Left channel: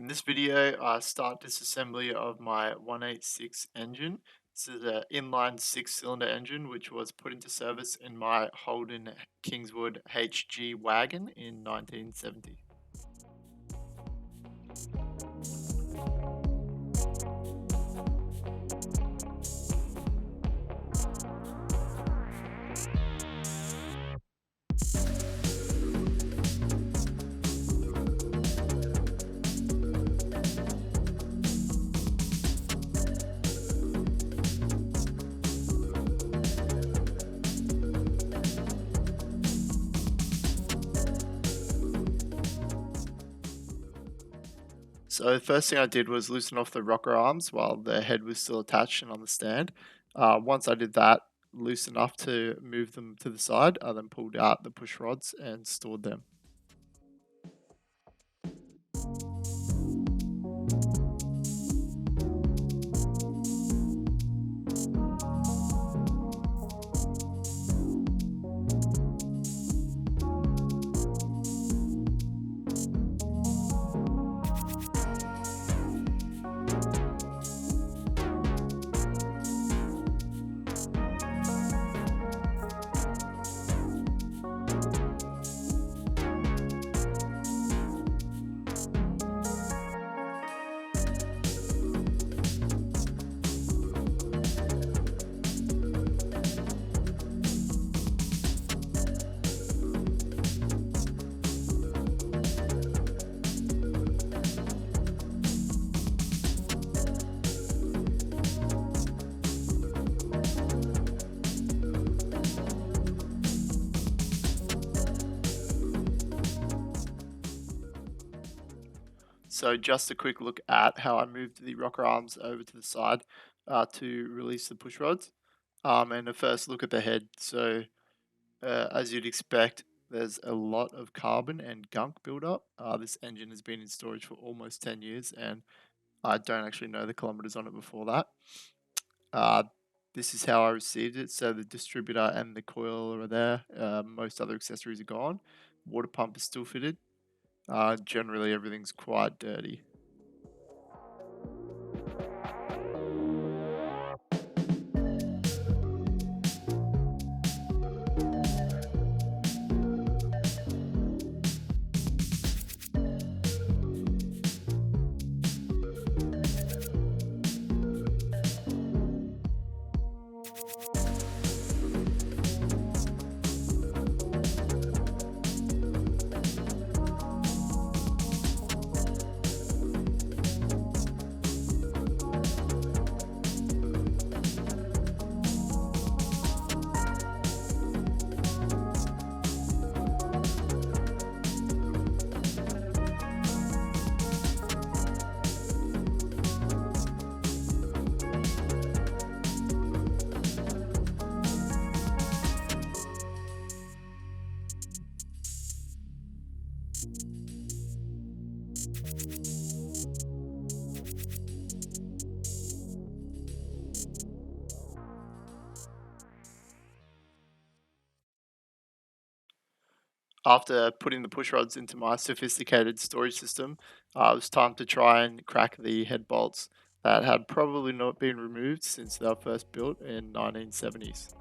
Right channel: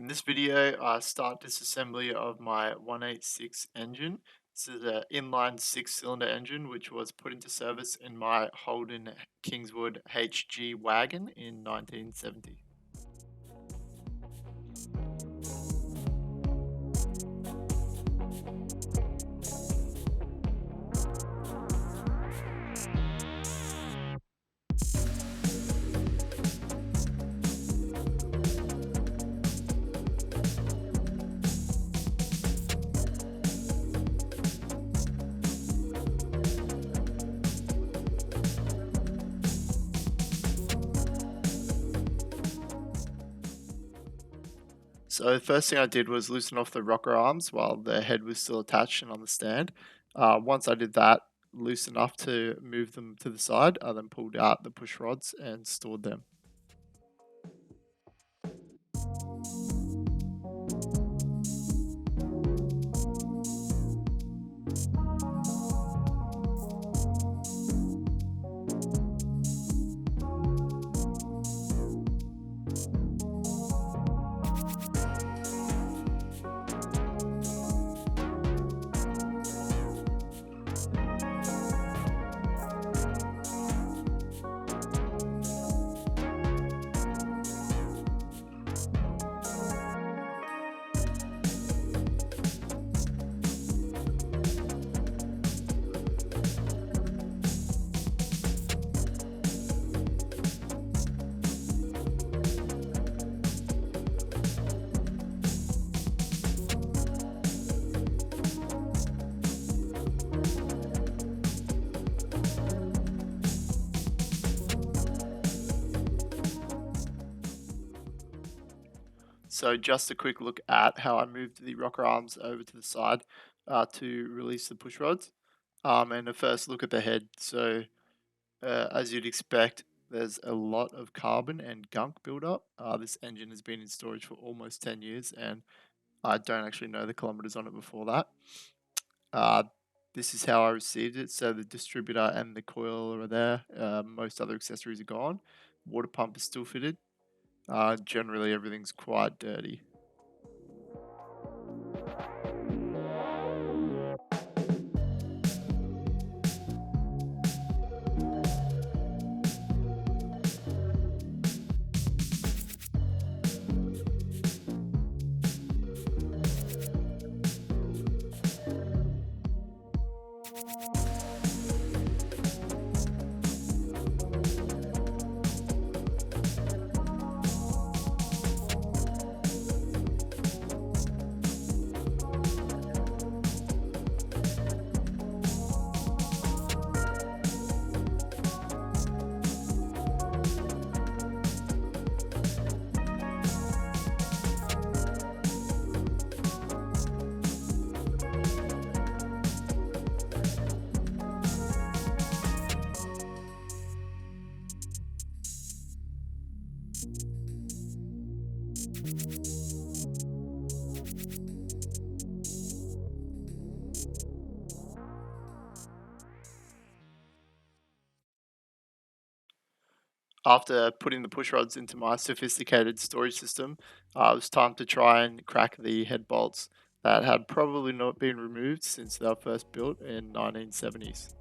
In this video, I start disassembly of my 186 engine. This is an inline 6-cylinder engine which was put into service in my Holden Kingswood HG Wagon in 1970. So the first thing I did was loosen off the rocker arms while the head was still attached and on the stand. Once I did that, loose enough to move them to the side, I then pulled out the push rods and stored them. So just a quick look at how I moved the rocker arms over to the side to release the push rods. And a first look at the head. So as you'd expect, there's a lot of carbon and gunk buildup. This engine has been in storage for almost 10 years and I don't actually know the kilometers on it before that. This is how I received it. So the distributor and the coil are there. Most other accessories are gone. Water pump is still fitted. Generally, everything's quite dirty. After putting the push rods into my sophisticated storage system, it was time to try and crack the head bolts that had probably not been removed since they were first built in 1970s.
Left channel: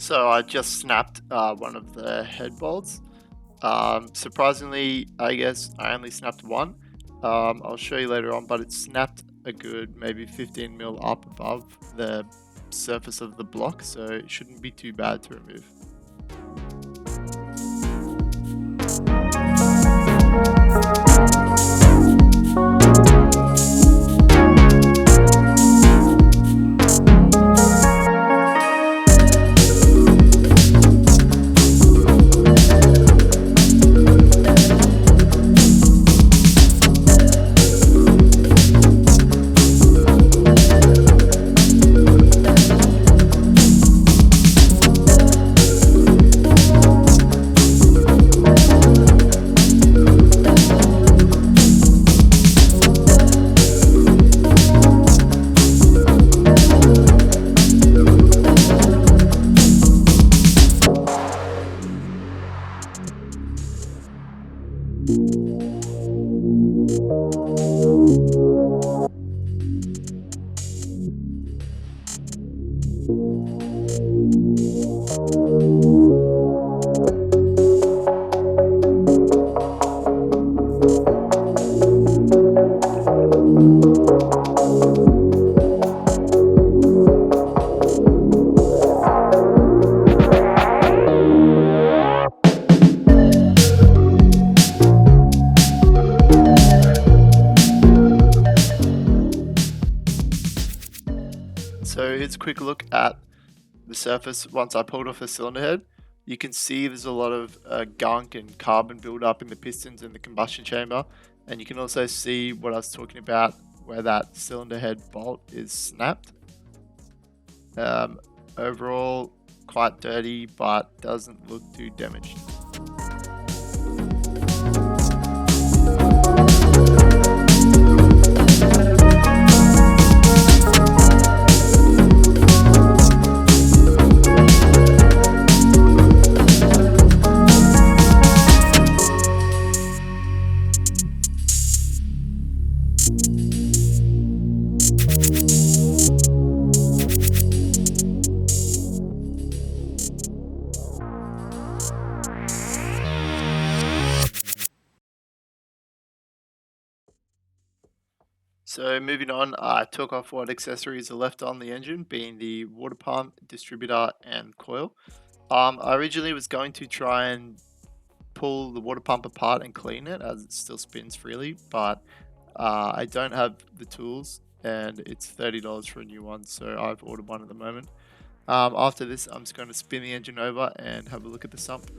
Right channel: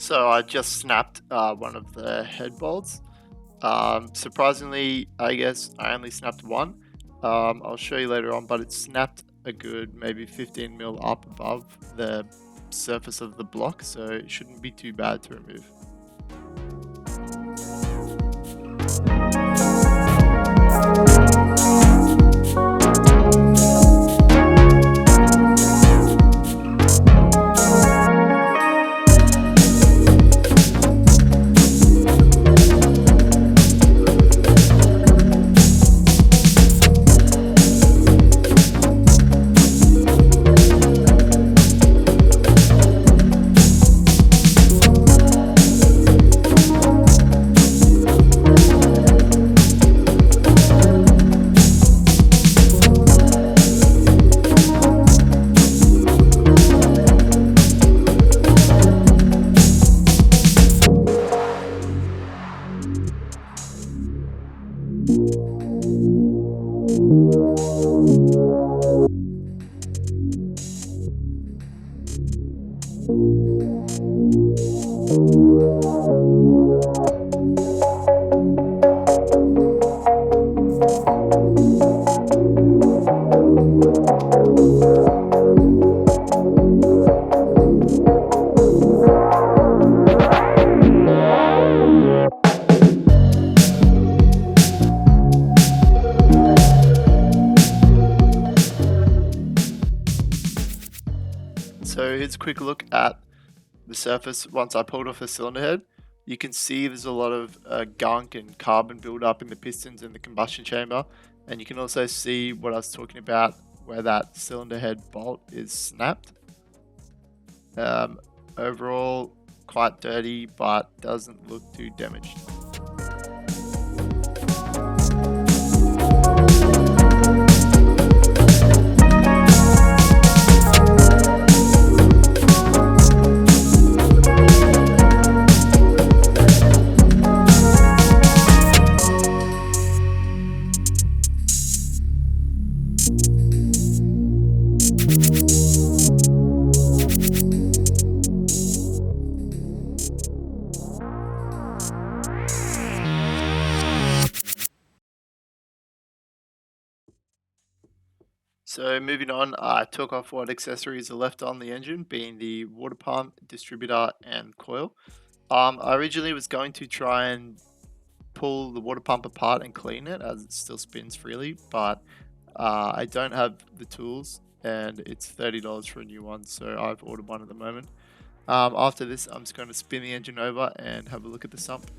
So I just snapped one of the head bolts. Surprisingly, I guess I only snapped one. I'll show you later on, but it snapped a good maybe 15 mil up above the surface of the block, so it shouldn't be too bad to remove. So here's a quick look at the surface once I pulled off the cylinder head. You can see there's a lot of gunk and carbon buildup in the pistons and the combustion chamber, and you can also see what I was talking about where that cylinder head bolt is snapped. Um, Overall, quite dirty, but doesn't look too damaged. So moving on, I took off what accessories are left on the engine, being the water pump, distributor, and coil. I originally was going to try and pull the water pump apart and clean it as it still spins freely, but I don't have the tools and it's $30 for a new one, so I've ordered one at the moment. After this, I'm just going to spin the engine over and have a look at the sump.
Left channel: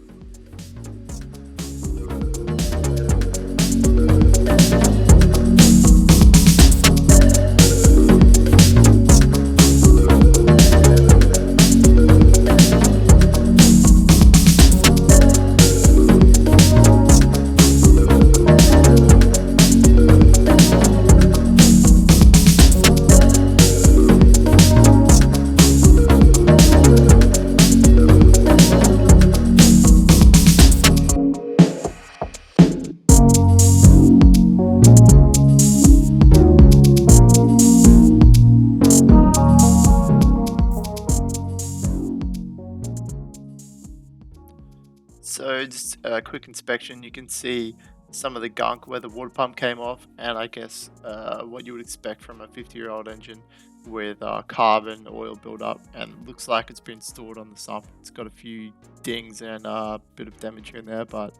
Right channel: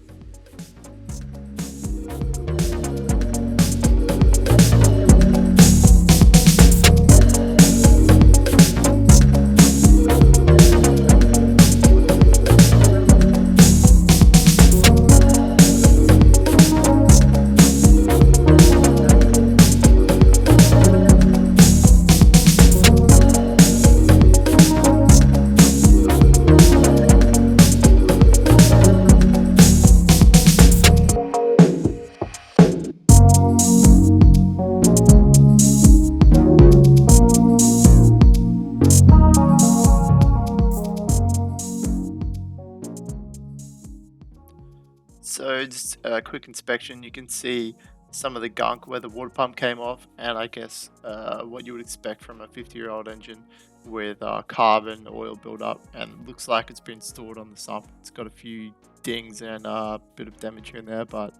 So just a quick inspection, you can see some of the gunk where the water pump came off, and I guess what you would expect from a 50-year-old engine with carbon oil buildup, and looks like it's been stored on the sump. It's got a few dings and a bit of damage here and there, but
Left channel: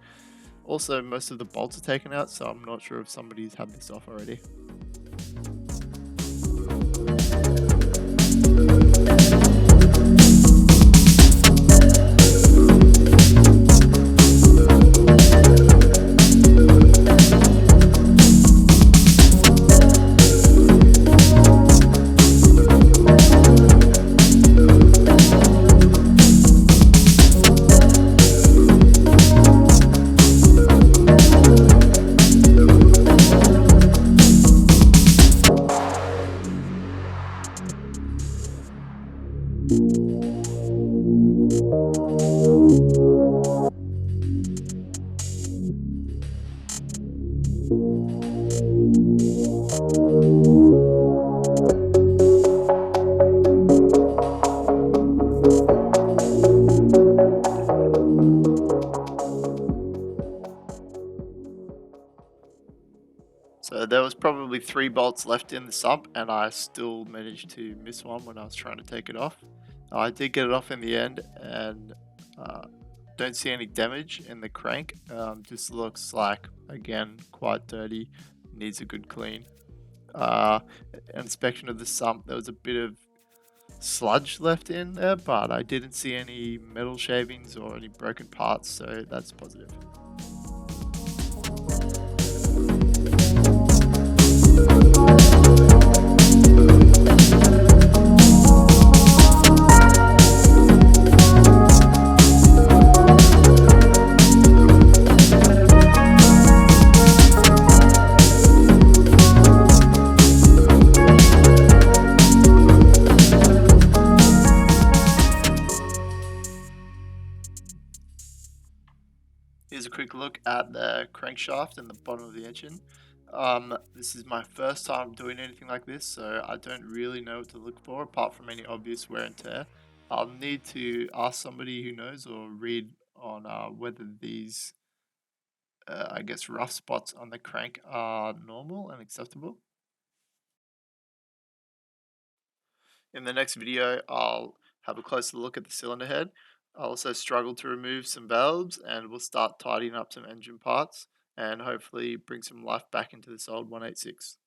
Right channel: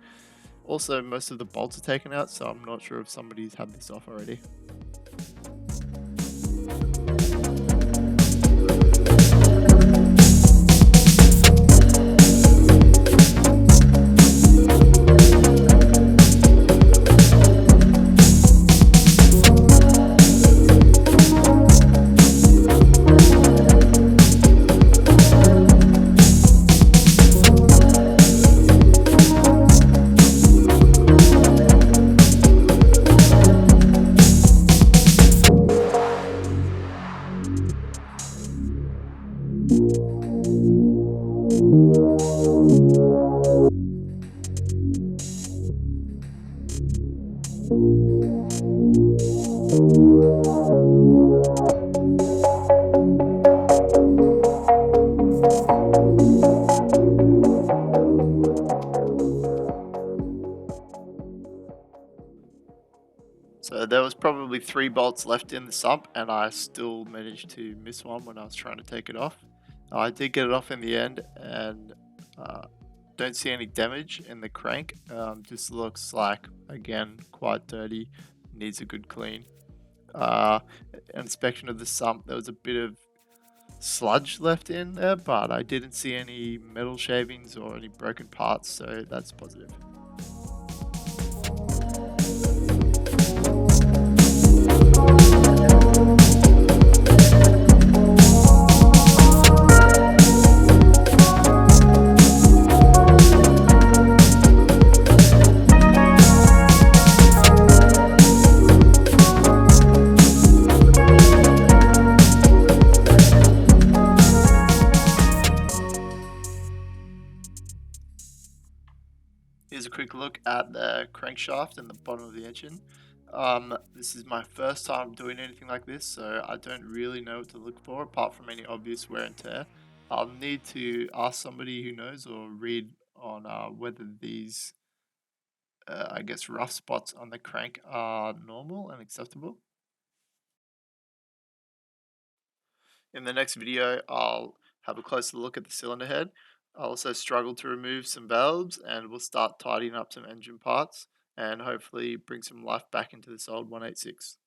also most of the bolts are taken out, so I'm not sure if somebody's had this off already. So there was probably 3 bolts left in the sump, and I still managed to miss one when I was trying to take it off. I did get it off in the end, and uh, don't see any damage in the crank. Just looks like, again, quite dirty, needs a good clean. Uh, Inspection of the sump, there was a bit of sludge left in there, but I didn't see any metal shavings or any broken parts, so that's positive. Here's a quick look at the crankshaft and the bottom of the engine. This is my first time doing anything like this, so I don't really know what to look for apart from any obvious wear and tear. I'll need to ask somebody who knows or read on whether these, I guess, rough spots on the crank are normal and acceptable. In the next video, I'll have a closer look at the cylinder head. I'll also struggle to remove some valves, and we'll start tidying up some engine parts and hopefully bring some life back into this old 186.